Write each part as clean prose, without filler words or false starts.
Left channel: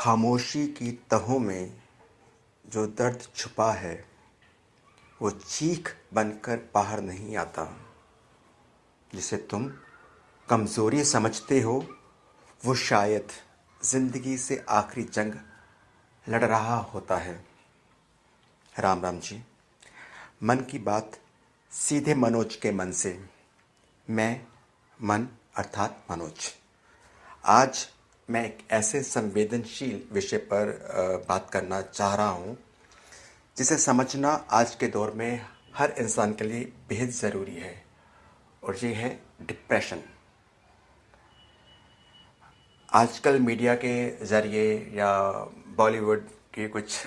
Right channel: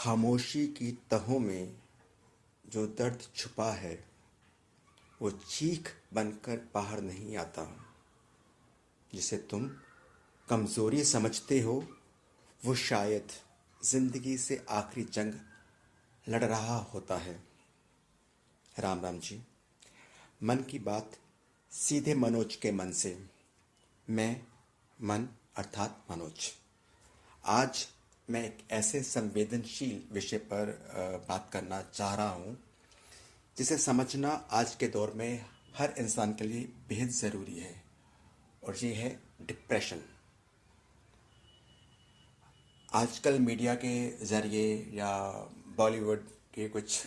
खामोशी की तहों में जो दर्द छुपा है वो चीख बनकर बाहर नहीं आता। जिसे तुम कमज़ोरी समझते हो वो शायद ज़िंदगी से आखिरी जंग लड़ रहा होता है। राम राम जी। मन की बात सीधे मनोज के मन से। मैं मन अर्थात मनोज। आज मैं एक ऐसे संवेदनशील विषय पर बात करना चाह रहा हूँ जिसे समझना आज के दौर में हर इंसान के लिए बेहद ज़रूरी है, और ये है डिप्रेशन। आजकल मीडिया के ज़रिए या बॉलीवुड के कुछ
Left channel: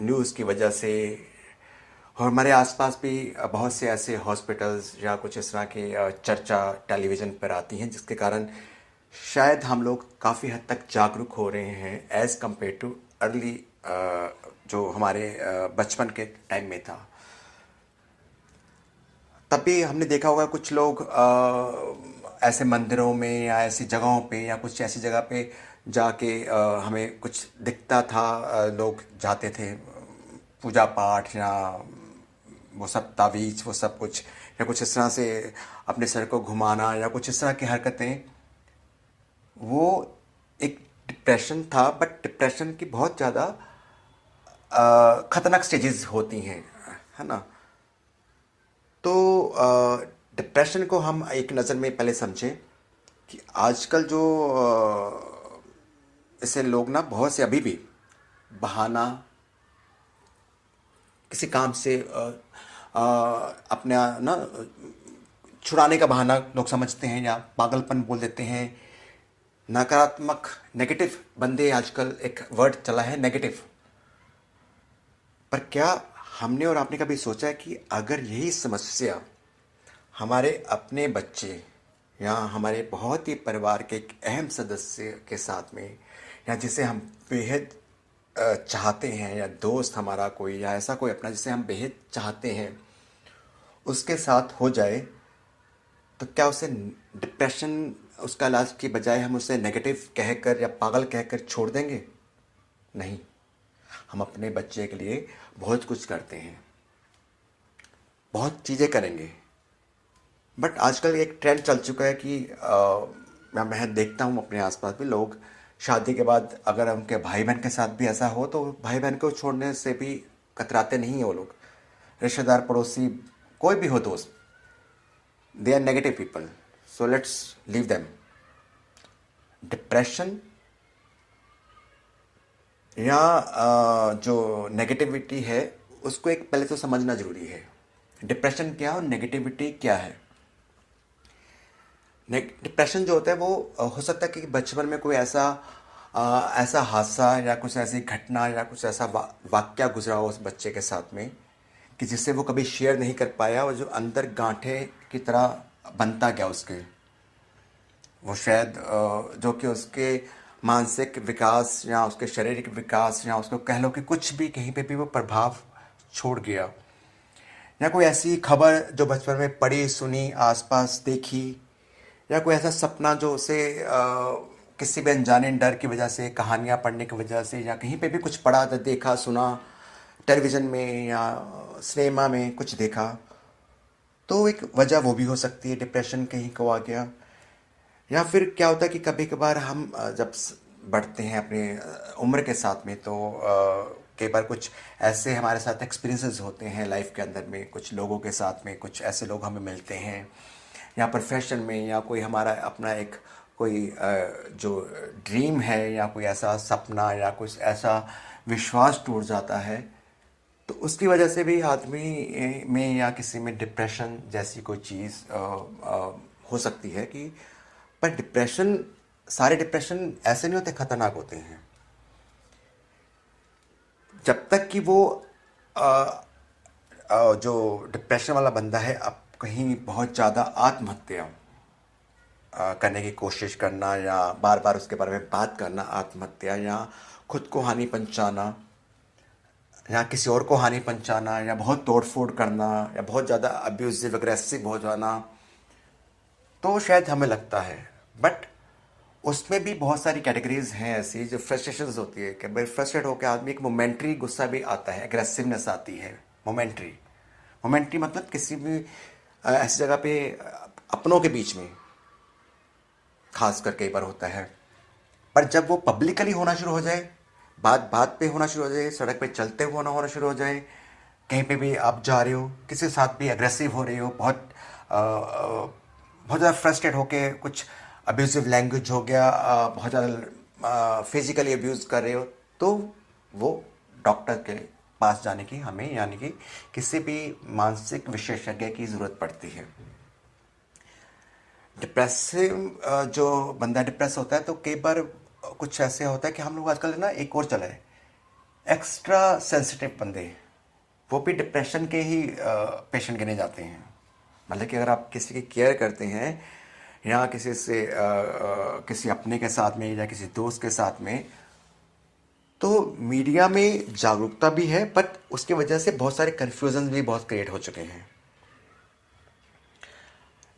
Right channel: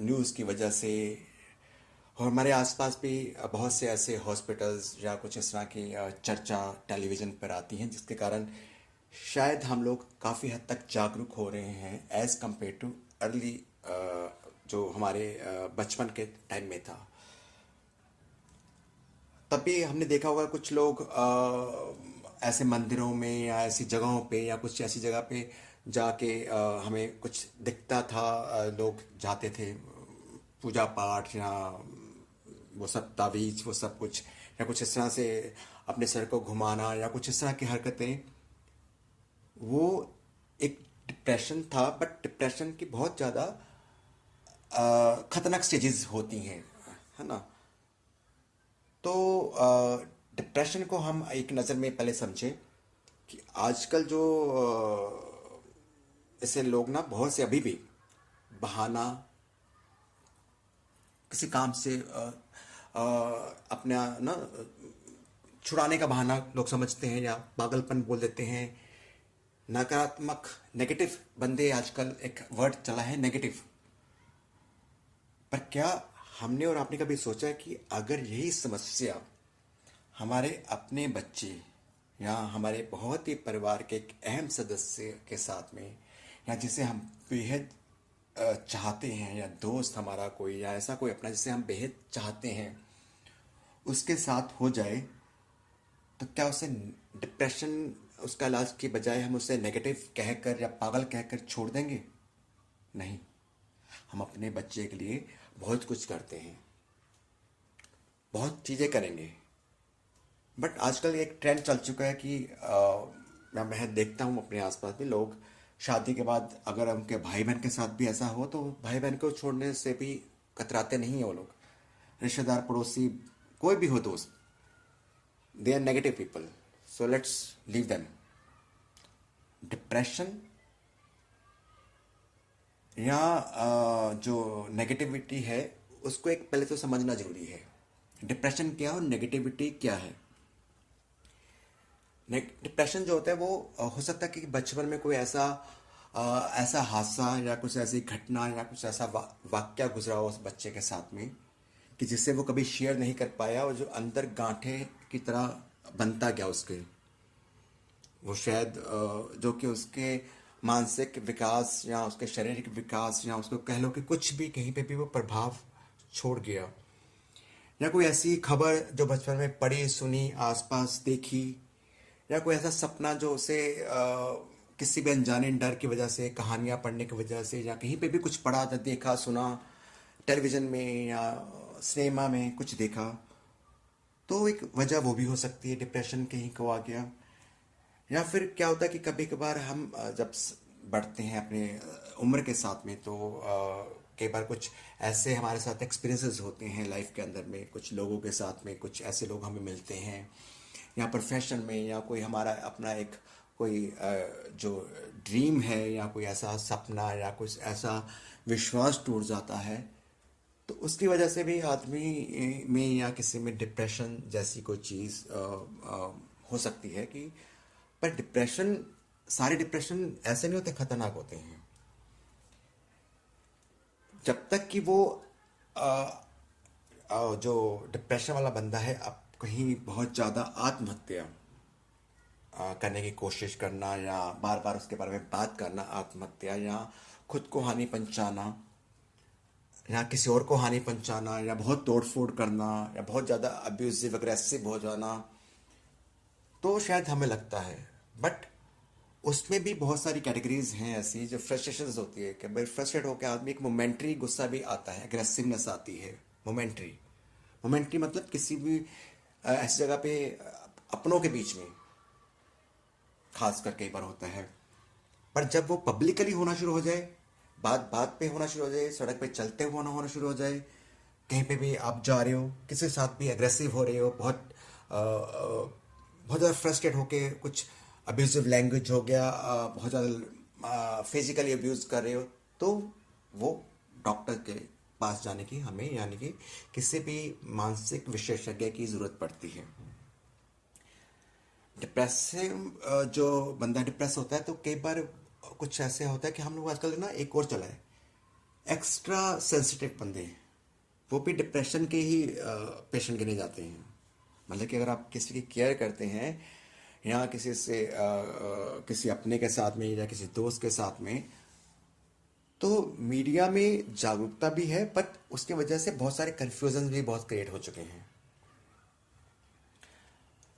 न्यूज़ की वजह से और हमारे आसपास भी बहुत से ऐसे हॉस्पिटल्स या कुछ इस तरह की चर्चा टेलीविज़न पर आती हैं, जिसके कारण शायद हम लोग काफ़ी हद तक जागरूक हो रहे हैं एज़ कम्पेयर टू अर्ली जो हमारे बचपन के टाइम में था। तभी हमने देखा होगा कुछ लोग ऐसे मंदिरों में या ऐसी जगहों पे या कुछ ऐसी जगह पे जाके हमें कुछ दिखता था, लोग जाते थे पूजा पाठ या वो सब तावीज़ वो सब कुछ या कुछ इस तरह से अपने सर को घुमाना या कुछ इस तरह की हरकतें। वो एक डिप्रेशन था, बट डिप्रेशन की बहुत ज़्यादा ख़तरनाक स्टेजेस होती हैं, है ना। तो डिप्रेशन को हम एक नज़र में पहले समझें कि आजकल जो ऐसे लोग ना बहुत से अभी भी बहाना किसी काम से अपना ना छुड़ाने का बहाना लोग समझते हैं या पागलपन बोल देते हैं। नकारात्मक नेगेटिव बंदे, आजकल एक वर्ड चला है नेगेटिव। पर क्या हमने और आपने कभी सोचा है कि अगर यही समस्या हमारे अपने बच्चे या हमारे बहुत ही परिवार के एक अहम सदस्य के साथ में, या जिसे हम बेहद चाहते हैं, या दोस्त हमारा कोई या ऐसा कोई अपना जिसे हम बेहद चाहते हैं, उसके साथ हो जाए, तो क्या उसे डिप्रेशन उसका इलाज की बजाय हम उसे नेगेटिव कहकर या पागल कहकर छोड़ देंगे? नहीं, हम अपने बच्चे के लिए बहुत कुछ करते हैं, बहुत चीज़ें करेंगे। बट आजकल एक ट्रेंड चल चुका है कि मैं देखता हूँ अपने आसपास भी लोग शादी के बाद अगर उनके भाई बहन के साथ भी ऐसा हो तो भाई बहन को छोड़ने से भी कतराते नहीं हैं वो लोग। रिश्तेदार, पड़ोसी, कोई भी हो दोस्त, they are negative people, so let's leave them. Depression या जो नेगेटिविटी है उसको एक पहले तो समझना जरूरी है। डिप्रेशन क्या और नेगेटिविटी क्या है। डिप्रेशन जो होता है वो हो सकता है कि बचपन में कोई ऐसा हादसा या कुछ ऐसी घटना या कुछ ऐसा वाक्या गुजरा हो उस बच्चे के साथ में कि जिससे वो कभी शेयर नहीं कर पाया, और जो अंदर गांठे की तरह बनता गया उसके, वो शायद जो कि उसके मानसिक विकास या उसके शारीरिक विकास या उसको कह लो कि कुछ भी कहीं पे भी वो प्रभाव छोड़ गया। या कोई ऐसी खबर जो बचपन में पढ़ी सुनी आसपास देखी, या कोई ऐसा सपना जो उसे किसी भी अनजाने डर की वजह से, कहानियाँ पढ़ने की वजह से, या कहीं पे भी कुछ पढ़ा देखा सुना टेलीविज़न में या सिनेमा में कुछ देखा, तो एक वजह वो भी हो सकती है डिप्रेशन कहीं को आ गया। या फिर क्या होता है कि कभी कभार हम जब बढ़ते हैं अपने उम्र के साथ में, तो कई बार कुछ ऐसे हमारे साथ एक्सपीरियंसेस होते हैं लाइफ के अंदर में, कुछ लोगों के साथ में, कुछ ऐसे लोग हमें मिलते हैं या प्रोफेशन में, या कोई हमारा अपना एक कोई जो ड्रीम है या कोई ऐसा सपना या कुछ ऐसा विश्वास टूट जाता है, तो उसकी वजह से भी आदमी में या किसी में डिप्रेशन जैसी कोई चीज़ हो सकती है कि। पर डिप्रेशन, सारे डिप्रेशन ऐसे नहीं होते, खतरनाक होते हैं। जब तक कि वो जो डिप्रेशन वाला बंदा है अब कहीं बहुत ज़्यादा आत्महत्या करने की कोशिश करना, या बार बार उसके बारे में बात करना, आत्महत्या या खुद को हानि पहुंचाना या किसी और को हानि पहुंचाना, या बहुत तोड़ फोड़ करना, या बहुत ज़्यादा अब्यूजिव अग्रेसिव हो जाना, तो शायद हमें लगता है। बट उसमें भी बहुत सारी कैटेगरीज हैं ऐसी जो फ्रस्ट्रेशंस होती है कि भाई फ्रस्ट्रेट होकर आदमी एक मोमेंट्री गुस्सा भी आता है, एग्रेसिवनेस आती है। मोमेंट्री मोमेंट्री मतलब किसी भी ऐसी जगह पे अपनों के बीच में खास कर कई बार होता है। पर जब वो पब्लिकली होना शुरू हो जाए, बात बात पे होना शुरू हो जाए, सड़क पे चलते हुए होना शुरू हो जाए, कहीं पे भी आप जा रहे हो, किसी के साथ भी अग्रेसिव हो रहे हो, बहुत ज़्यादा फ्रस्ट्रेट होके कुछ अब्यूजिव लैंग्वेज हो गया, बहुत ज़्यादा फिजिकली अब्यूज़ कर रहे हो, तो वो डॉक्टर के पास जाने की हमें यानी कि किसी भी मानसिक विशेषज्ञ की ज़रूरत पड़ती है। डिप्रेसिव जो बंदा डिप्रेस होता है तो कई बार कुछ ऐसे होता है कि हम लोग आजकल ना एक और चला है, एक्स्ट्रा सेंसिटिव बंदे, वो भी डिप्रेशन के ही पेशेंट गिने जाते हैं। मतलब कि अगर आप किसी की केयर करते हैं या किसी से किसी अपने के साथ में या किसी दोस्त के साथ में, तो मीडिया में जागरूकता भी है, बट उसकी वजह से बहुत सारे कन्फ्यूजन भी बहुत क्रिएट हो चुके हैं।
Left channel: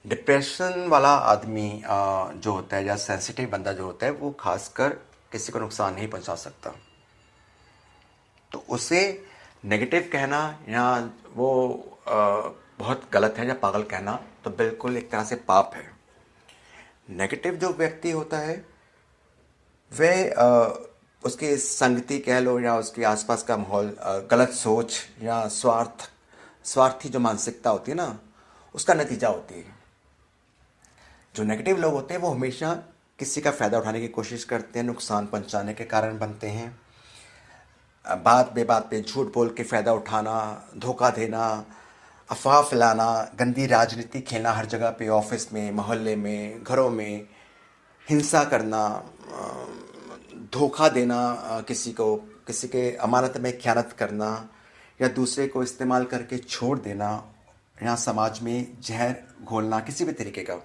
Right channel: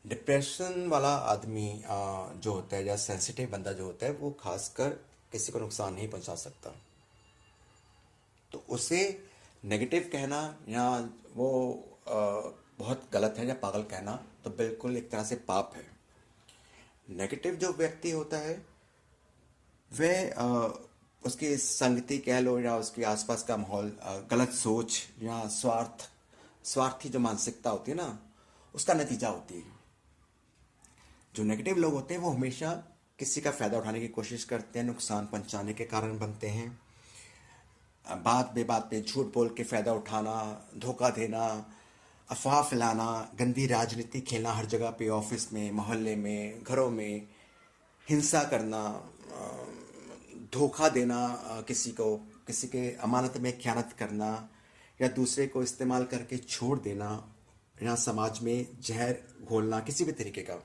डिप्रेशन वाला आदमी जो होता है या सेंसिटिव बंदा जो होता है वो खासकर किसी को नुकसान नहीं पहुंचा सकता, तो उसे नेगेटिव कहना या वो बहुत गलत है या पागल कहना तो बिल्कुल एक तरह से पाप है। नेगेटिव जो व्यक्ति होता है वह उसकी संगति कह लो या उसके आसपास का माहौल, गलत सोच या स्वार्थी जो मानसिकता होती है ना, उसका नतीजा होती है। जो नेगेटिव लोग होते हैं वो हमेशा किसी का फ़ायदा उठाने की कोशिश करते हैं, नुकसान पहुंचाने के कारण बनते हैं। बात बेबात पे झूठ बोल के फ़ायदा उठाना, धोखा देना, अफवाह फैलाना, गंदी राजनीति खेलना हर जगह पे, ऑफिस में, मोहल्ले में, घरों में, हिंसा करना, धोखा देना, किसी को किसी के अमानत में ख़यानत करना या दूसरे को इस्तेमाल करके छोड़ देना या समाज में जहर घोलना किसी भी तरीके का,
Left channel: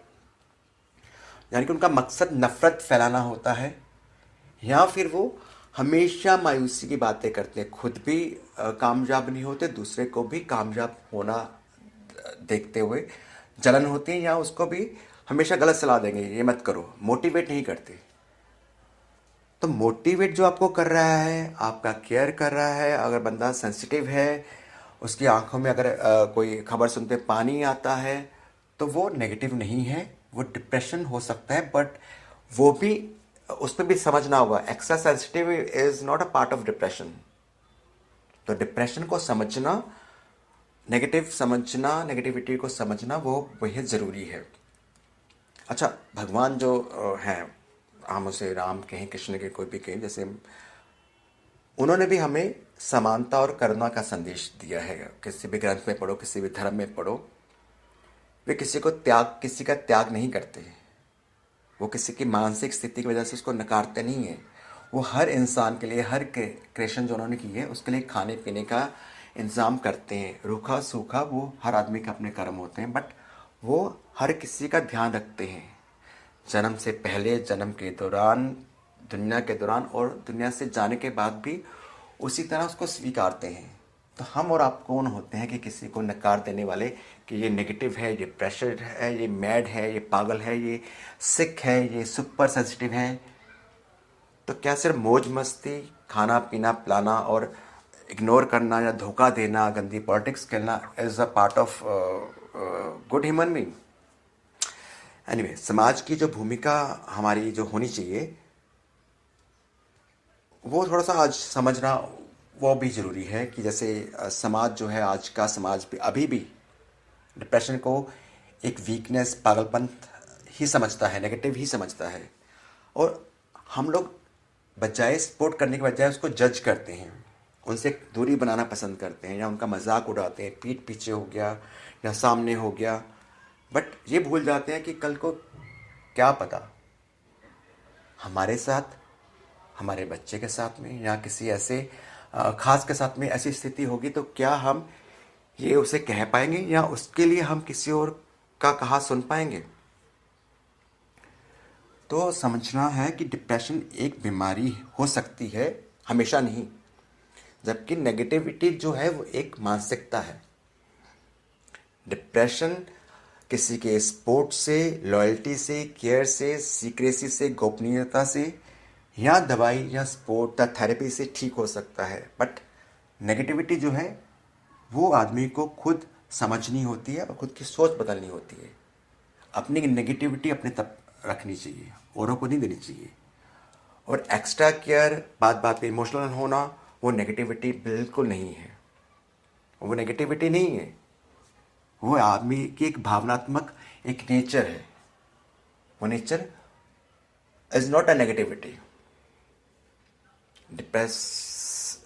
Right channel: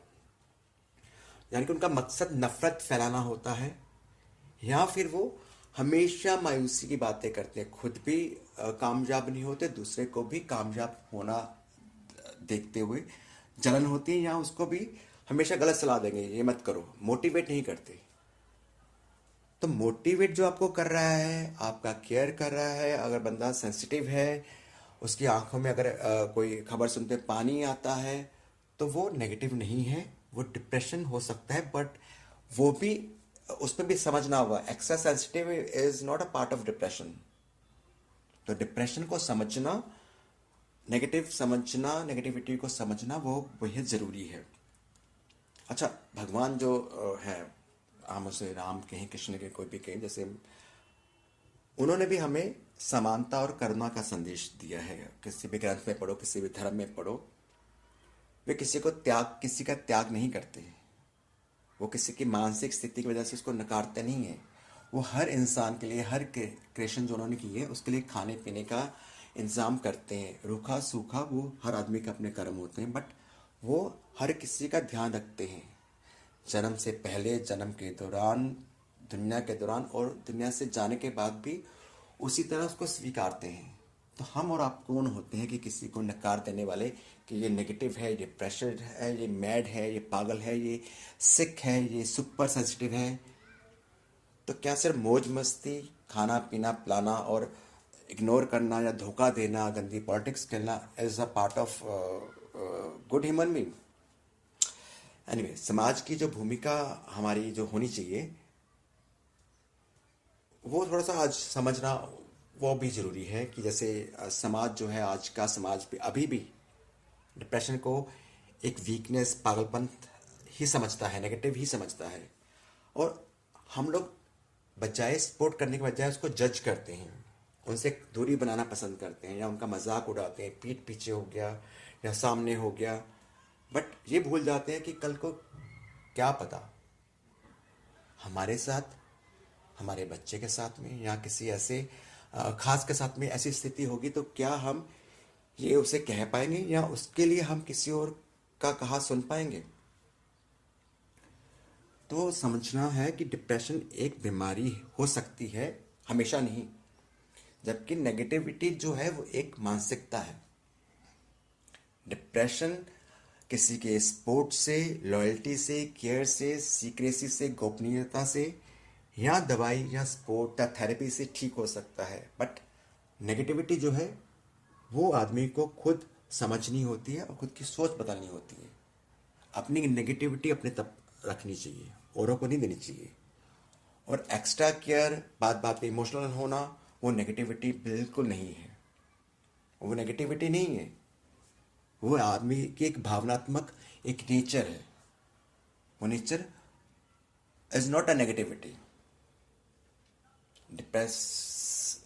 यानी कि उनका मकसद नफ़रत फैलाना होता है। या फिर वो हमेशा मायूसी की बातें करते हैं, खुद भी कामयाब नहीं होते, दूसरे को भी कामयाब होना देखते हुए जलन होती है, या उसको भी हमेशा गलत सलाह देंगे, ये मत करो, मोटिवेट नहीं करते। तो मोटिवेट जो आपको कर रहा है, आपका केयर कर रहा है, अगर बंदा सेंसिटिव है, उसकी आंखों में अगर कोई खबर सुनते पानी आता है, तो वो नेगेटिव नहीं है, वो डिप्रेशन हो सकता है, बट वो भी उसमें भी समझना होगा, extra sensitive is not a part of depression. तो डिप्रेशन को समझना, नेगेटिव समझना, नेगेटिविटी को समझना वो बेहद ज़रूरी है। अच्छा, भगवान जो हैं, हम उसे राम कहें, कृष्ण के कोई भी कहें, जैसे उन्होंने भी हमें समानता और करुणा का संदेश दिया है। किसी भी ग्रंथ में पढ़ो, किसी भी धर्म में पढ़ो, वे किसी का त्याग नहीं करते। वो किसी की मानसिक स्थिति की वजह से उसको नकारते नहीं है। वो हर इंसान के लिए, हर क्रिएशन जो उन्होंने की है उसके लिए खाने पीने का इंतज़ाम करते हैं। रूखा सूखा वो हर आदमी के अपने कर्म होते हैं, बट वो हर किसी का ध्यान रखते हैं, जन्म से पहले, जन्म के दौरान, दुनिया के दौरान और दुनिया से जाने के बाद भी उसी तरह उसको स्वीकारते हैं। तो हम और आप कौन होते हैं कि किसी को नकार देने वाले कि ये नेगेटिव है, ये प्रेशर है, ये मैड है, ये पागल है, ये सिक है, ये सुपर सेंसिटिव है। तो क्या सिर्फ मौज मस्ती, खाना पीना पिलाना और इग्नोर करना या धोखा देना, गंदी पॉलिटिक्स खेलना is a part of good human being? Anyway, समाज की जो भूमिका हमारी जो होनी चाहिए वो थोड़ा सा आज समझना वो भी ज़रूरी है कि जैसे समाज जो है, आज का समाज भी अभी भी डिप्रेशन को एक वीकनेस, पागलपन ही समझता है, नेगेटिव ही समझता है। और हम लोग बजाय सपोर्ट करने के बजाय उसको जज करते हैं, उनसे दूरी बनाना पसंद करते हैं या उनका मजाक उड़ाते हैं, पीठ पीछे हो गया या सामने हो गया। बट ये भूल जाते हैं कि कल को क्या पता हमारे साथ, हमारे बच्चे के साथ में या किसी ऐसे खास के साथ में ऐसी स्थिति होगी, तो क्या हम ये उसे कह पाएंगे या उसके लिए हम किसी और का कहा सुन पाएंगे? तो समझना है कि डिप्रेशन एक बीमारी हो सकती है, हमेशा नहीं, जबकि नेगेटिविटी जो है वो एक मानसिकता है। डिप्रेशन किसी के सपोर्ट से, लॉयल्टी से, केयर से, सीक्रेसी से, गोपनीयता से, या दवाई या सपोर्ट या थेरेपी से ठीक हो सकता है। बट नेगेटिविटी जो है वो आदमी को खुद समझनी होती है और खुद की सोच बदलनी होती है। अपनी नेगेटिविटी अपने तक रखनी चाहिए, औरों को नहीं देनी चाहिए। और एक्स्ट्रा केयर, बात बात पे इमोशनल होना, वो नेगेटिविटी बिल्कुल नहीं है। वो नेगेटिविटी नहीं है, वो आदमी की एक भावनात्मक एक नेचर है। वो nature is not a negativity. Depress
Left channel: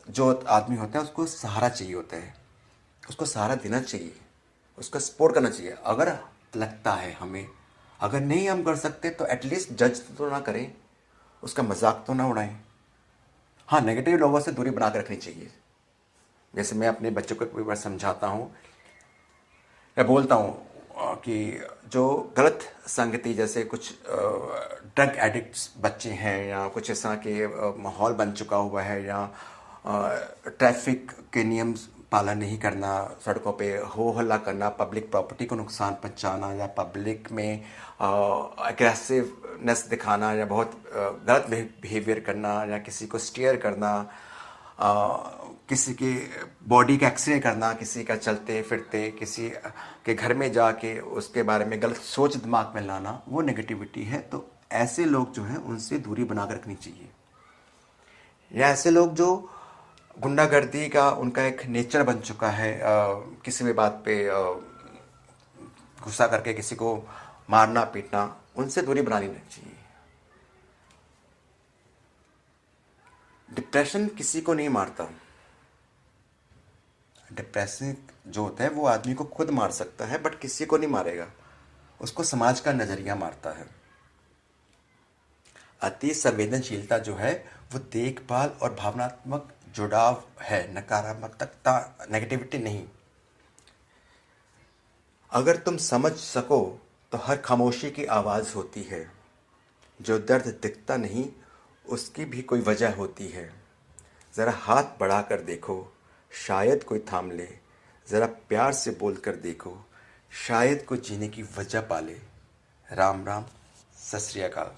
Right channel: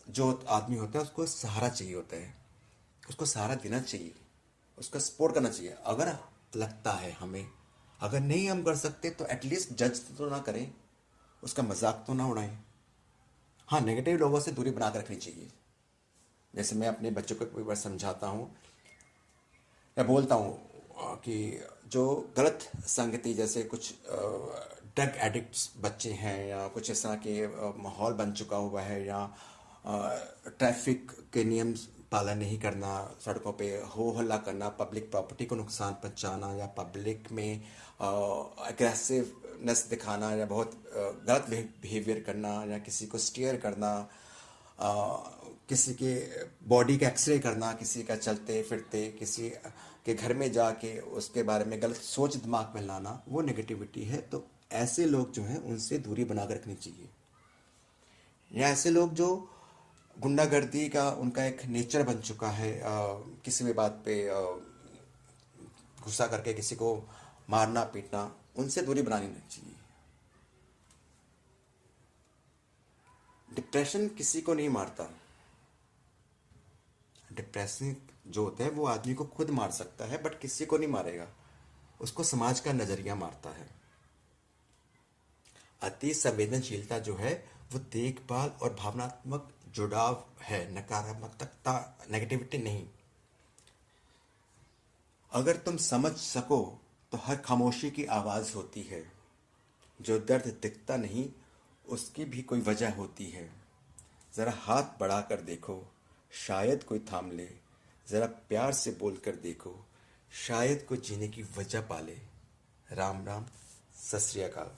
जो आदमी होता है उसको सहारा चाहिए होता है, उसको सहारा देना चाहिए, उसका सपोर्ट करना चाहिए। अगर लगता है हमें, अगर नहीं हम कर सकते तो एटलीस्ट जज तो ना करें, उसका मजाक तो ना उड़ाएं। हाँ, नेगेटिव लोगों से दूरी बना कर रखनी चाहिए। जैसे मैं अपने बच्चों को कई बार समझाता हूँ या बोलता हूँ कि जो गलत संगति, जैसे कुछ ड्रग एडिक्ट्स बच्चे हैं या कुछ ऐसा कि माहौल बन चुका हुआ है, या ट्रैफिक के नियम पालन नहीं करना, सड़कों पे हो हल्ला करना, पब्लिक प्रॉपर्टी को नुकसान पहुंचाना, या पब्लिक में एग्रेसिवनेस दिखाना, या बहुत गलत बिहेवियर करना, या किसी को स्टीयर करना, किसी के बॉडी का एक्सरे करना, किसी का चलते फिरते किसी के घर में जाके उसके बारे में गलत सोच दिमाग में लाना, वो नेगेटिविटी है। तो ऐसे लोग जो हैं उनसे दूरी बना कर रखनी चाहिए। या ऐसे लोग जो गुंडागर्दी का उनका एक नेचर बन चुका है, किसी भी बात पे गुस्सा करके किसी को मारना पीटना, उनसे दूरी बनानी चाहिए। डिप्रेशन किसी को नहीं मारता। डिप्रेशन जो होता है वो आदमी को खुद मार सकता है, बट किसी को नहीं मारेगा, उसको समाज का नजरिया मारता है। अति संवेदनशीलता जो है वो देखभाल और भावनात्मक जुड़ाव है, नकारात्मकता, नेगेटिविटी नहीं। अगर तुम समझ सको तो हर खामोशी की आवाज़ होती है। जो दर्द दिखता नहीं उसकी भी कोई वजह होती है। ज़रा हाथ बढ़ाकर देखो, शायद कोई थाम ले। ज़रा प्यार से बोल कर देखो, शायद कोई जीने की वजह पाले। राम राम, सत श्री अकाल।